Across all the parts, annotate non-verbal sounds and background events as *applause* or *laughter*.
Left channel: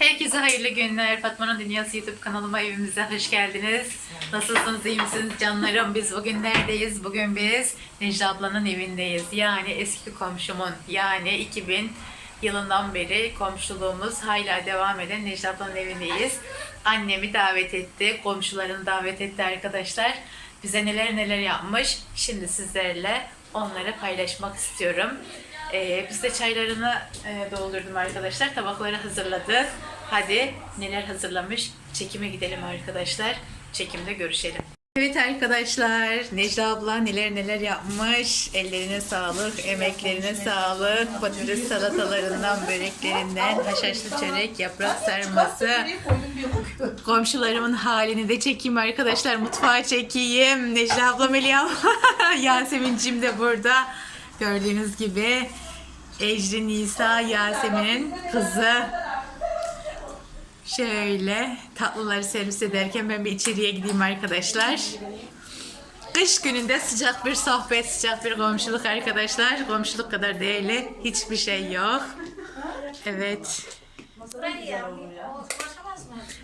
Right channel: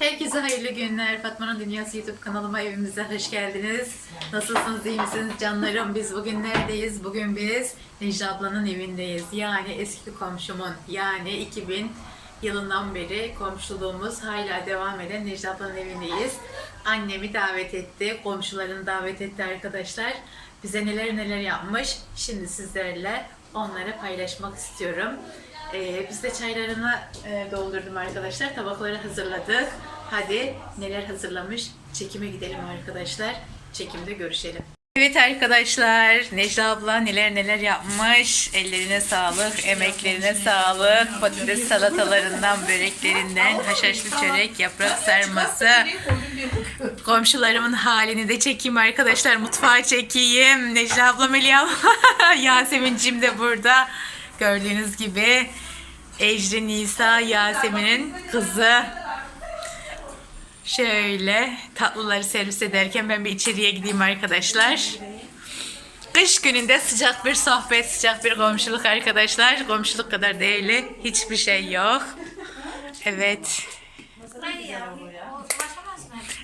Herkese hayırlı günler. Fatma'nın Dünyası YouTube kanalıma evimize hoş geldiniz. Nasılsınız, iyi misiniz canlarım? Biz bugün neredeyiz? Bugün biz Necla ablanın evindeyiz. Yani eski komşumun, yani 2000 yılından beri komşuluğumuz hala devam eden Necla ablanın evindeyiz. Annemi davet etti, komşularını davet etti arkadaşlar. Bize neler neler yapmış. Şimdi sizlerle onları paylaşmak istiyorum. Ee, biz de çaylarını e, doldurdum arkadaşlar. Tabakları hazırladık. Hadi neler hazırlamış çekime gidelim arkadaşlar. Çekimde görüşelim. Evet arkadaşlar Necla abla neler neler yapmış. Ellerine sağlık, emeklerine sağlık. Patates salatalarından, böreklerinden, haşhaşlı çörek, yaprak sarması. Komşularımın halini de çekeyim arkadaşlar. Mutfağa çekeyim. Necla abla Melih abla. *laughs* Yasemin'cim de burada. Gördüğünüz gibi Ecri Nisa Yasemin'in kızı. Şöyle tatlıları servis ederken ben bir içeriye gideyim arkadaşlar. Kış gününde sıcak bir sohbet, sıcak bir komşuluk arkadaşlar. Komşuluk kadar değerli hiçbir şey yok. Evet.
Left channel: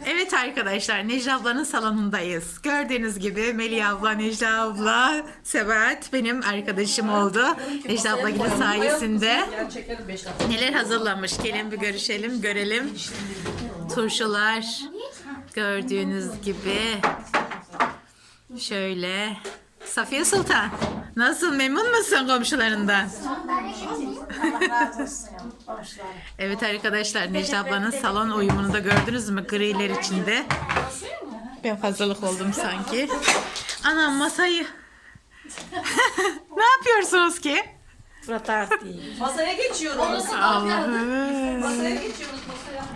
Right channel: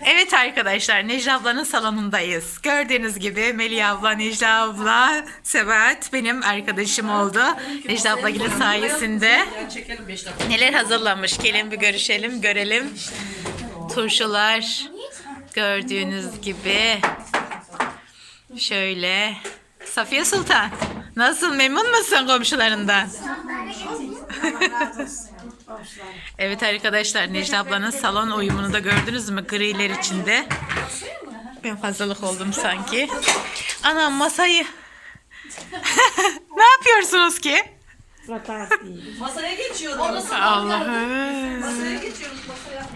Evet arkadaşlar Necla ablanın salonundayız. Gördüğünüz gibi Melih abla, Necla abla, Sebat benim arkadaşım oldu. Necla abla sayesinde 5 dakika. neler hazırlamış gelin bir görüşelim, görelim. Turşular gördüğünüz gibi şöyle. Safiye Sultan nasıl memnun musun komşularından? *laughs* Evet arkadaşlar Necla ablanın salon uyumunu da gördünüz mü? Griler içinde. Ben fazlalık oldum sanki. Anam masayı. *laughs* ne yapıyorsunuz ki? Masaya geçiyoruz. Allah'ım. Masaya geçiyoruz. Masaya.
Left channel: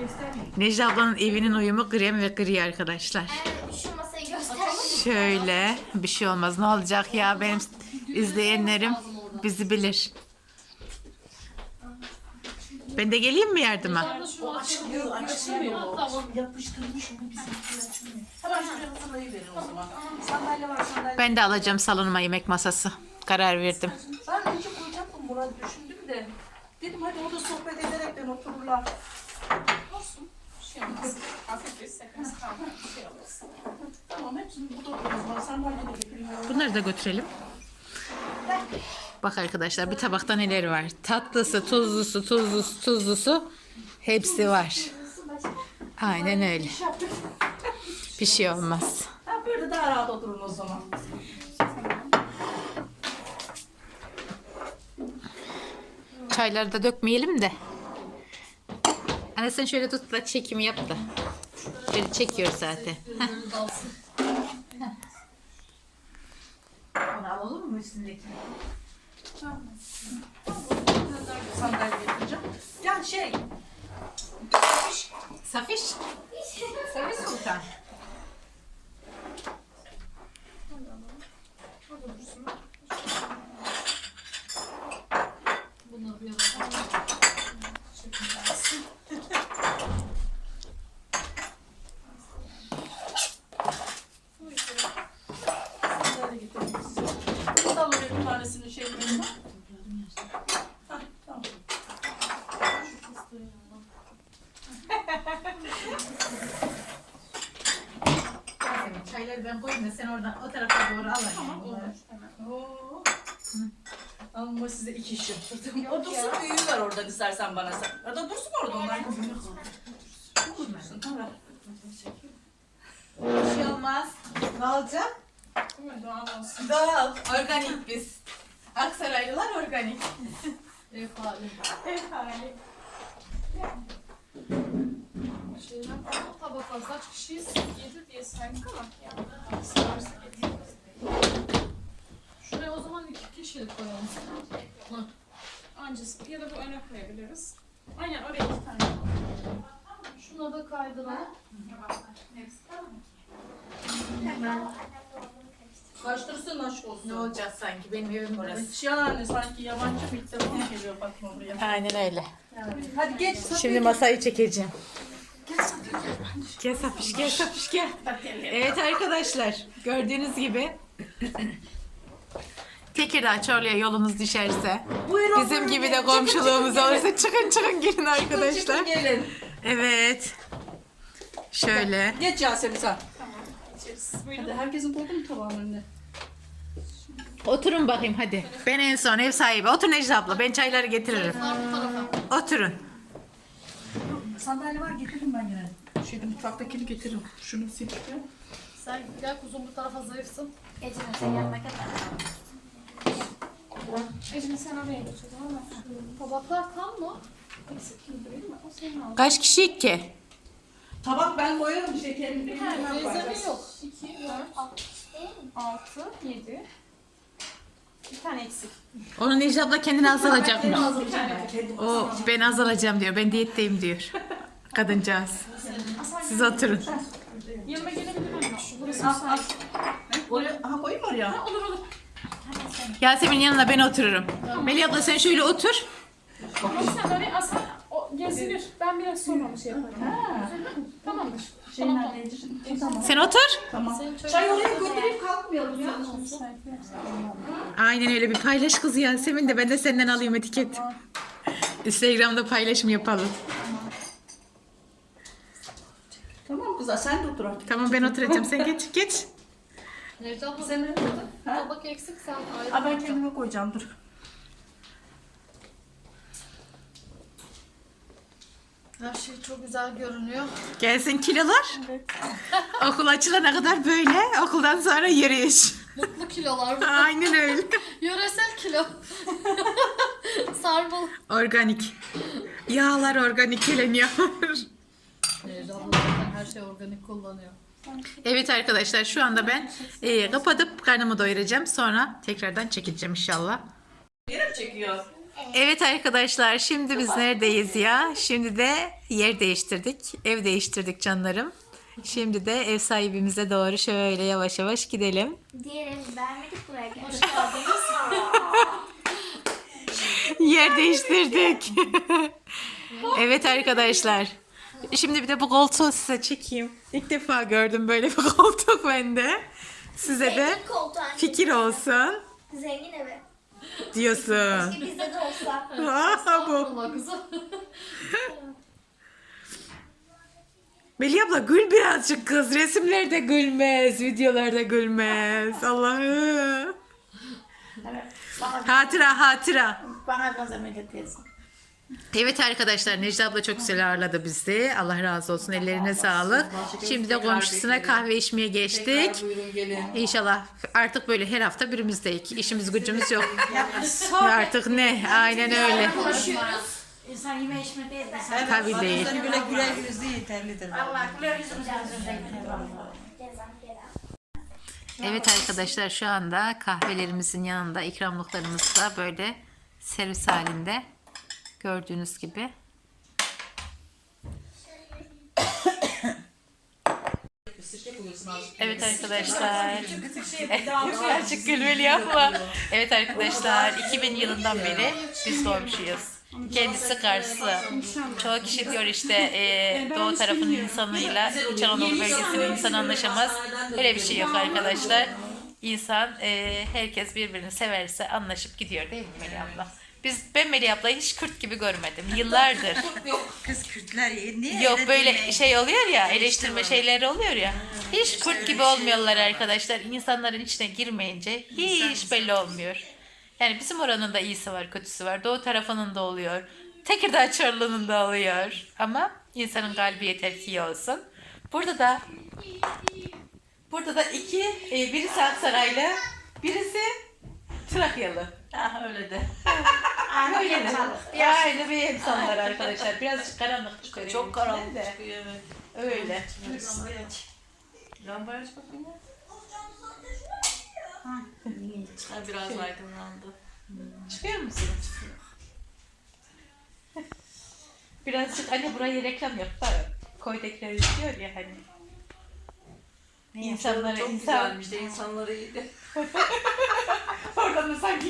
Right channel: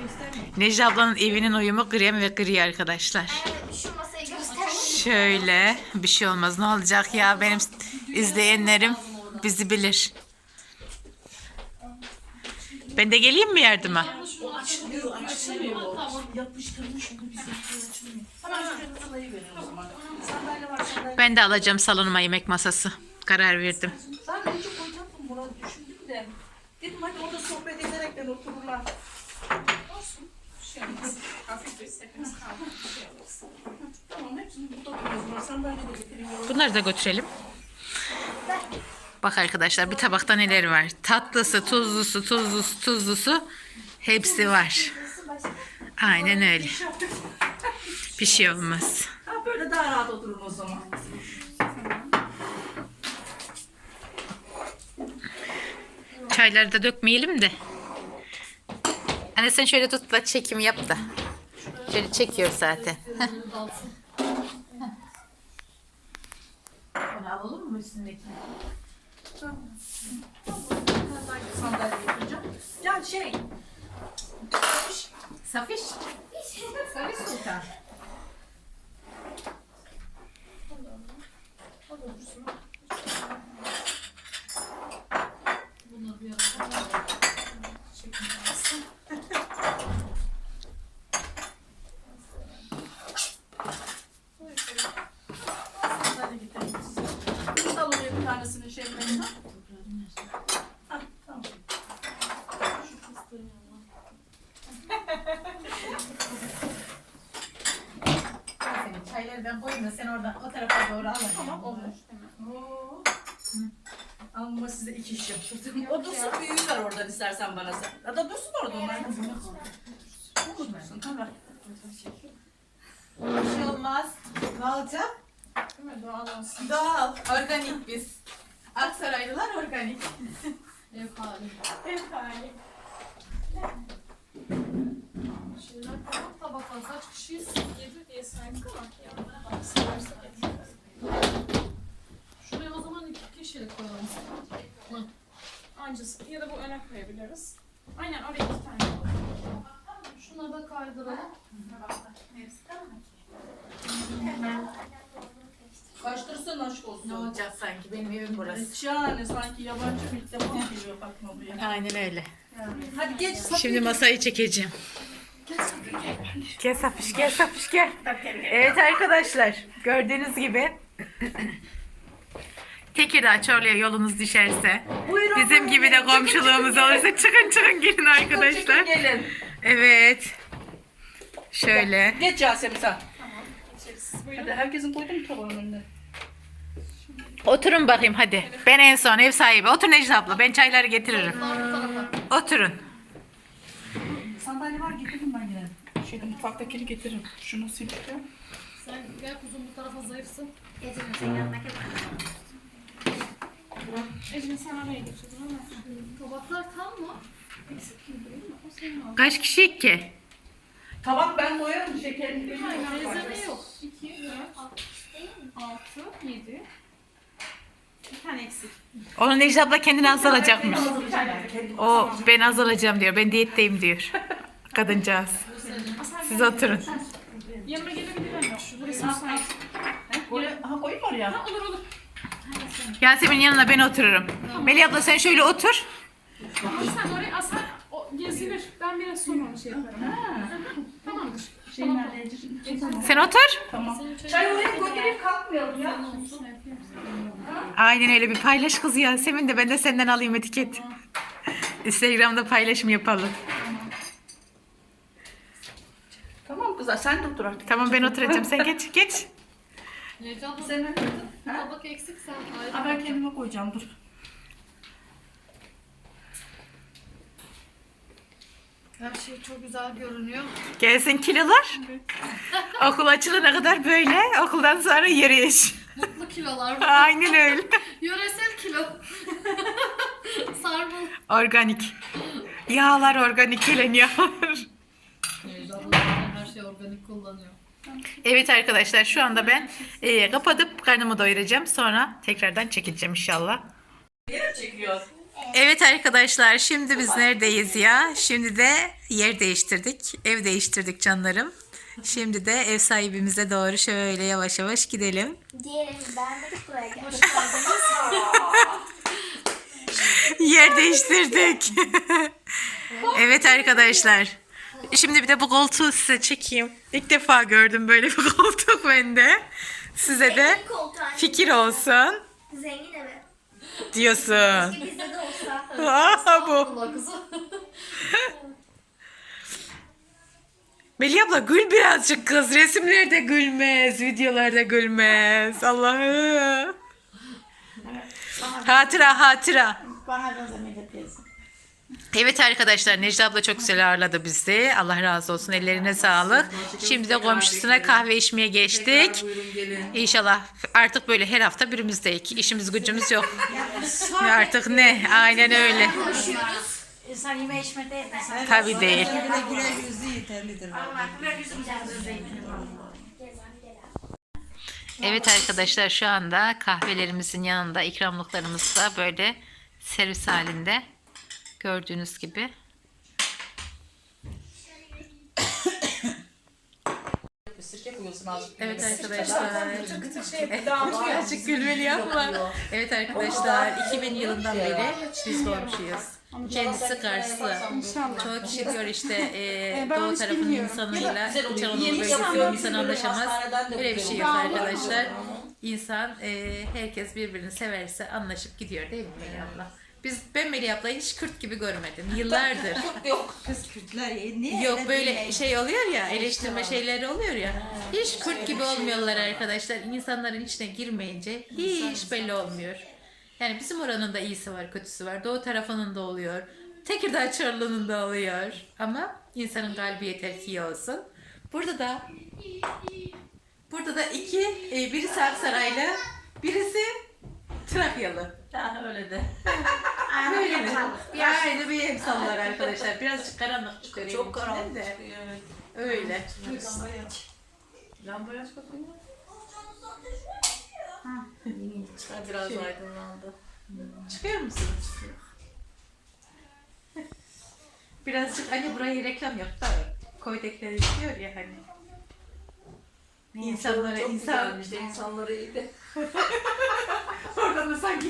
Necla ablanın evinin uyumu krem ve gri arkadaşlar. Şu masayı göster. Şöyle bir şey olmaz. Ne olacak ya benim izleyenlerim bizi bilir. Ben de geleyim mi yardıma? O açılıyor, açılmıyor. Tamam. Yapıştırmış onu bize açılmıyor. Hemen şuraya masalayı verin o zaman. Sandalye var sandalye. Ben de alacağım salonuma yemek masası. Karar verdim. Ben önce koyacaktım buna düşündüm de. Dedim hadi orada sohbet ederekten otururlar. Olsun. Şey olmaz. Hafif bir sekans kaldı. Şey olmaz. Tamam hepsini burada otururuz. Ben sandalye de getireyim. Bunları da götürelim. Bak arkadaşlar bir tabakta neler var. Tatlısı, tuzlusu, tuzlusu, tuzlusu hepsi var. Aynen öyle. Bir şey olmaz. Böyle daha rahat oturun o zaman. Çayları da dökmeyelim de. Anne sen şöyle tut da çekim yap da. Şöyle çekiyor zaten. Onu alalım mı üstündekini? Sandalye getireceğim. Ya şey. Safiş. Safiş Sultan. Sandalye getireyim size. Bunu da oraya bir tanesini şey koyayım. Hah, tamam. Da sen oradan o tarafa doğru al. Tamam olur. Oo. Ama size iki şık. *laughs* O dursun büyüğü var oradan istersen bana sen. Ya da dursun orada onlar. Dursun tamam. Bir şey olmaz. Ne olacak? Doğal olsun. Doğal, organik biz. Aksaraylılar organik. Şeyler falan tabaklar kaç kişiyiz? Yedi diye saydık ama yanına da. Şuraya o zaman iki kişilik koyalım. Hı. Ancası ya da bu öne koyabiliriz. Aynen oraya iki tane. Şuna da kaydıralım. Kaçtırsın aşk olsun. Ne olacak sanki benim evim burası. Hiç yani sanki yabancı bir defa geliyor bakma buraya. Aynen öyle. Yani. Hadi geç. Şimdi masayı çekeceğim. Gel Safiş gel Safiş gel. Evet arkadaşlar gördüğünüz gibi Tekirdağ Çorlu'ya yolunuz düşerse Buyurun. bizim buyurun, gibi de gelin. komşuluğumuz olursa çıkın çıkın gelin arkadaşlar. Gelin. Evet Şöyle. Geç Yasemin sen. Hadi herkesin koydu mu tabağın önüne? Oturun bakayım hadi. Ben en son ev sahibi. Otur Necla abla. Ben çayları getiririm. Oturun. Sandalye var getirdim ben. Şeyde mutfaktakini getiririm. Şunu sileceğim. Sen gel kuzum bu tarafa zayıfsın. Ecem sen yanına gel. Ecim sen oraya mı? Tabaklar tam mı? Kaç kişi ki? Tabak ben koyarım şekerini. Teyzeme yok. 2, 4, 6, 7. Bir tane eksik. Onu Necla abla kendine az alacakmış. Bir tane. Kendi O ben az alacağım diyor. Ben diyetteyim diyor. *laughs* Kadıncağız. Siz oturun. Yanıma gelebilir miyim? Şu burası müsait. Oraya, aha koyayım mı oraya? Olur olur. Yasemin'in yanına ben otururum. Melih abla sen şöyle otur. Ama sen oraya asar. O gezilir. Ben biraz sonra onu şey yaparım. Tamamdır. Şey nerede? Tamam. Sen otur. Tamam. Çay oraya götürüp kalkmayalım ya. Aynen öyle bir paylaş kız Yasemin de ben de senden alayım etiket. Instagram'da paylaşım yapalım. Tamam kızlar sen de otur artık. Tamam ben oturacağım. Sen geç *laughs* geç. Necla abla Sen öyle. Ha? tabak eksik sen ayrı. Aa, ben kendime koyacağım dur. Her şey çok güzel görünüyor. Gelsin kilolar. Okul açılana kadar böyle. Okuldan sonra yürüyüş. Mutlu kilolar. Aynen öyle. *laughs* Yöresel kilo. *laughs* Sarmalı. Organik. Yağlar organik geleniyor. Necla abla zaten her şey organik kullanıyor. evet arkadaşlar şu anda ben e, kapatıp karnımı doyuracağım. Sonra tekrardan çekeceğim inşallah. Yere çekiyor. Evet arkadaşlar şimdi biz neredeyiz ya? Şimdi de yer değiştirdik. Ev değiştirdik canlarım. Şimdi de ev sahibimize doğru şöyle yavaş yavaş gidelim. Diyelim beğenmedik buraya gel. Hoş geldiniz. Yer değiştirdik. *laughs* evet arkadaşlar. Şimdi bir de bu koltuğu size çekeyim. İlk defa gördüm böyle bir *laughs* koltuk bende. Size de Zengin fikir olsun Zengin evi. diyorsun. Bizde de olsa. *laughs* Aa, bu. Allah kızım. *laughs* Melih abla gül birazcık kız. Resimlerde gülmez, videolarda gülmez. Allah'ım. Hatıra hatıra. Bana benzemeyle diyorsun. Evet arkadaşlar Necla abla çok güzel ağırladı bizi. Allah razı olsun ellerine sağlık. Şimdi de komşusuna kahve içmeye geçtik. İnşallah artık böyle her hafta birimizdeyiz. İşimiz gücümüz yok. Artık ne? Aynen öyle. İnsan yeme içme değil de. Tabii değil. Allah güler Evet arkadaşlar şu anda kahvelerimizin yanında ikramlıklarımız da böyle servis halinde. Gördüğünüz gibi. Evet arkadaşlar. Birazcık gülmeli yapma. Evet arkadaşlar 2000 yılından beri biz komşuyuz. Kendisi Karslı. Çoğu kişi diyor işte e, doğu tarafının insanıyla İç Anadolu bölgesinin insanı anlaşamaz. Öyle bir şey yok arkadaşlar. İnsan e, herkes birbirini severse anlaşıp gidiyor değil mi Melih abla? Biz ben Melih ablayı hiç Kürt gibi görmedim. *laughs* Yıllardır. Kız Kürtler niye Yok öyle böyle demeyin? şey oluyor ya eleştirme şeyleri oluyor ya. Hiç kurt gibi olmuyorlar arkadaşlar. İnsanların içine girmeyince hiç belli olmuyor. Yani bizim oranın da iyisi var kötüsü var. Doğu tarafının da oluyor. Tekirdağ Çorlu'nun da oluyor. Ama insanın kalbi yeter ki iyi olsun. Burada da burada da iki e, birisi Aksaraylı birisi Trakyalı. Ha öyle de. *laughs* Öyle mi? Aynı bir emsallar arkadaşlar. Birazcık karanlık çıkıyor. Çok karanlık de. çıkıyor evet. Öyle. Lambayı aç bakayım ya. Ha, *laughs* biraz aydınlandı. Çıkıyor musunuz? Birazcık anne buraya reklam yap da koydekleri diyor ya hani. İnsanları çok insan güzelmiş de insanları iyiydi. *laughs*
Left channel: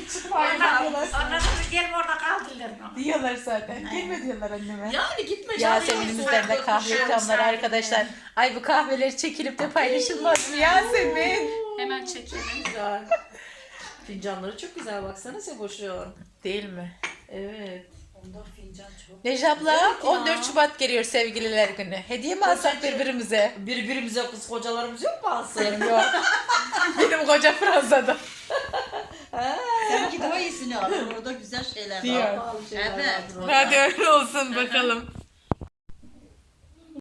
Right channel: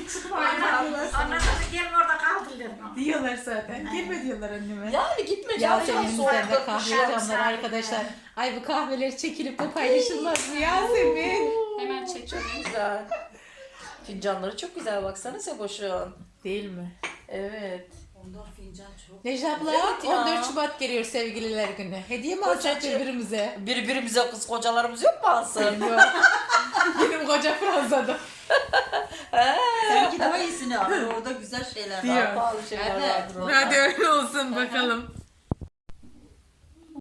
diyorlar. Anladın gelme orada kaldırırlar mı? Diyorlar zaten. Gelme diyorlar anneme. Yani gitme Yasemin'imizden de kahve camlar arkadaşlar. Ay bu kahveleri çekilip de paylaşılmaz mı Yasemin? Hemen çekelim. Güzel. Fincanları çok güzel baksana Seboş'un. Değil mi? Evet. Necla abla Evet ya. 14 Şubat geliyor sevgililer günü. Hediye mi alsak Kocacığım. birbirimize? Birbirimize kız kocalarımız yok mu alsın? Yok. Benim koca Fransa'da. Sanki daha iyisini alır. Orada güzel şeyler var. Pahalı şeyler Evet. vardır orada. Hadi öyle olsun bakalım.